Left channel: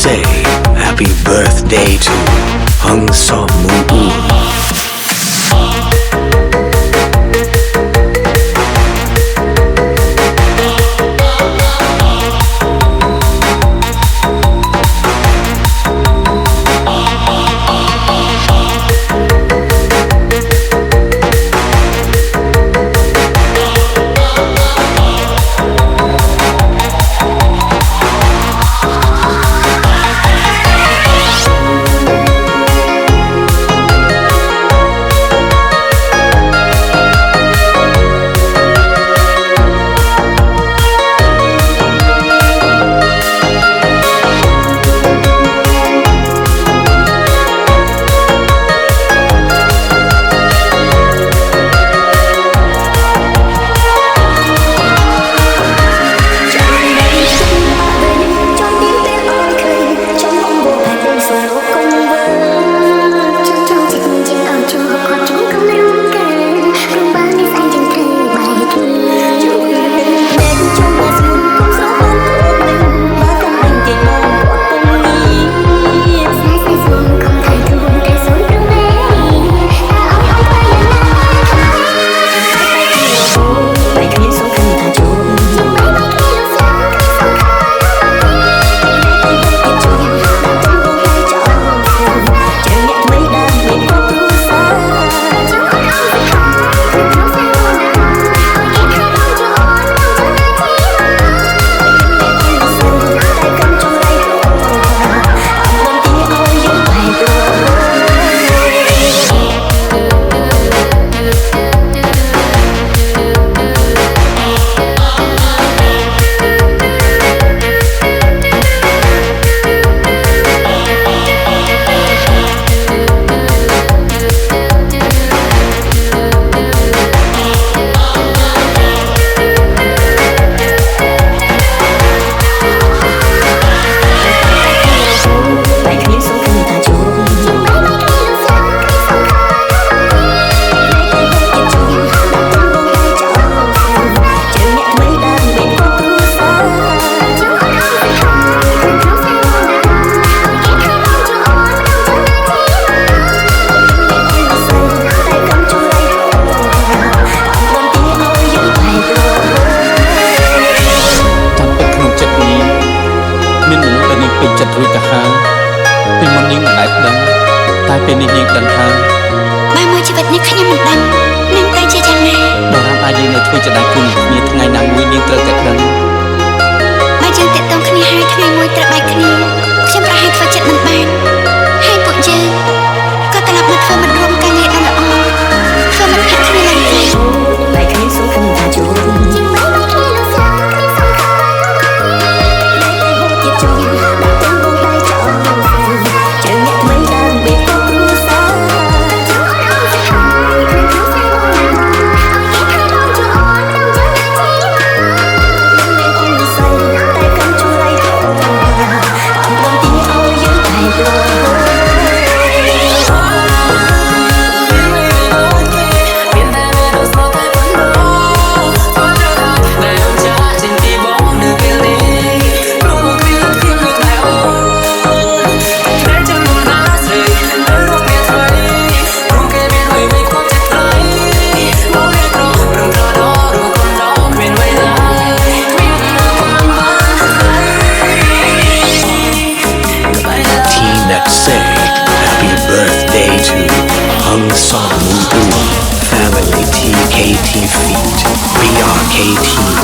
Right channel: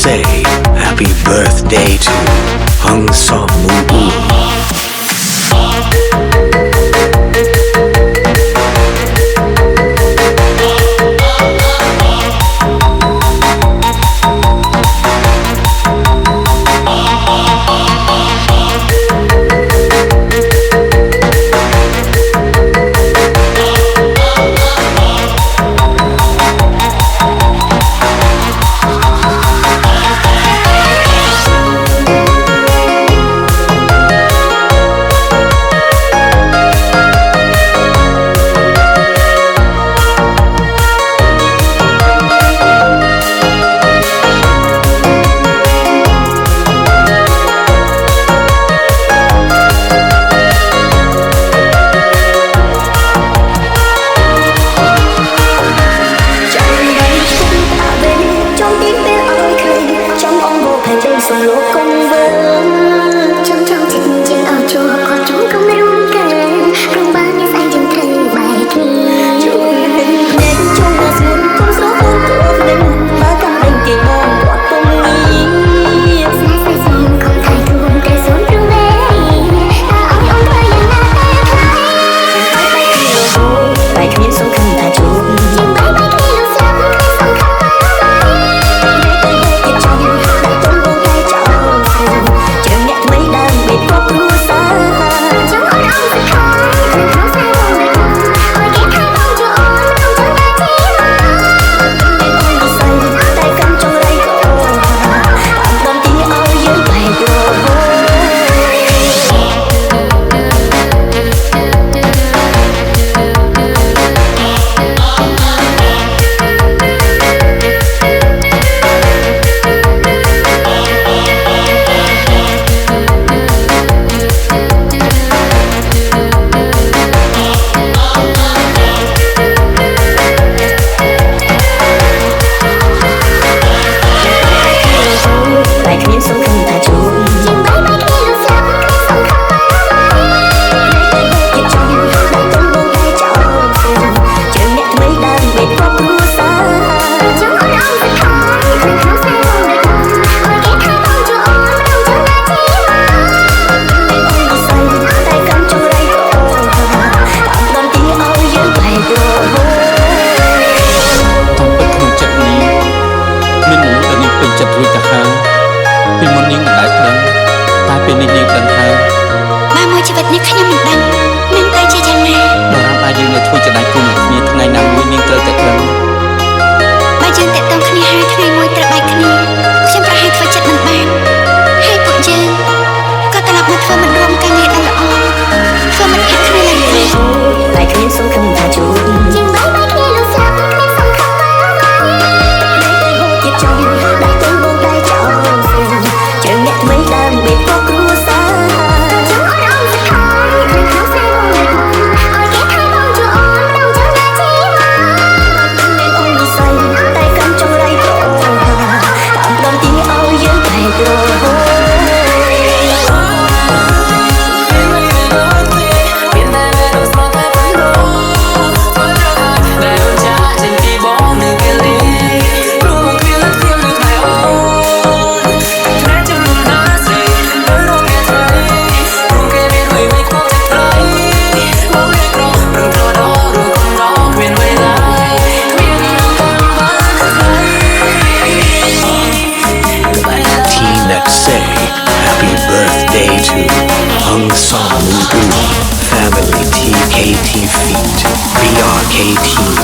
say happy birthday to Hung Som Moo.មានមនុស្សដែលនាងពេញចិត្តរួចទៅហើយពីមុននាងមិនដែលដឹងតែពេលនេះនាងដឹងហើយបើមួយជីវិតនេះខ្ញុំមិនដឹងនឹងទៅជាយ៉ាងណាដរាបណាយើងនៅធ្វើជាដៃគូនឹងគ្នាថ្ងៃណាមួយនាងត្រូវតែដឹងបើយើងតាក់ទងគ្នាហើយថ្ងៃមួយត្រូវបែកគ្នាខ្ញុំប្រហែលធ្វើចិត្តមិនបានហើយពួកយើងក៏ត្រឡប់មកធ្វើមិត្តរួមការងារដ៏ល្អធ្វើមិត្តភក្តិគ្នាឡើងទៀតតែគ្មានសង្ឃឹមថាជួបជាងបែកគ្នាលុះស្លាប់គ្មានសង្ឃឹមមកតែហូតទៀតចុងដាក់ទងបងដៃចោលជើងអ្នកថ្មីដើមបេតគប់គ្រួសារចង់អូនអងសុខហើយក្នុងក្នុងស្នេហ៍បងដូចបងឲ្យគេថាបងជួអូនម្ដងចង់ណាជីវ៉ាមានអូននិស័យតែកំចង់រៃប្រតាមព្រមទីឲ្យយើងតែក្រហមSay happy birthday to Hung Som Moo Family TKT Feet BRK Team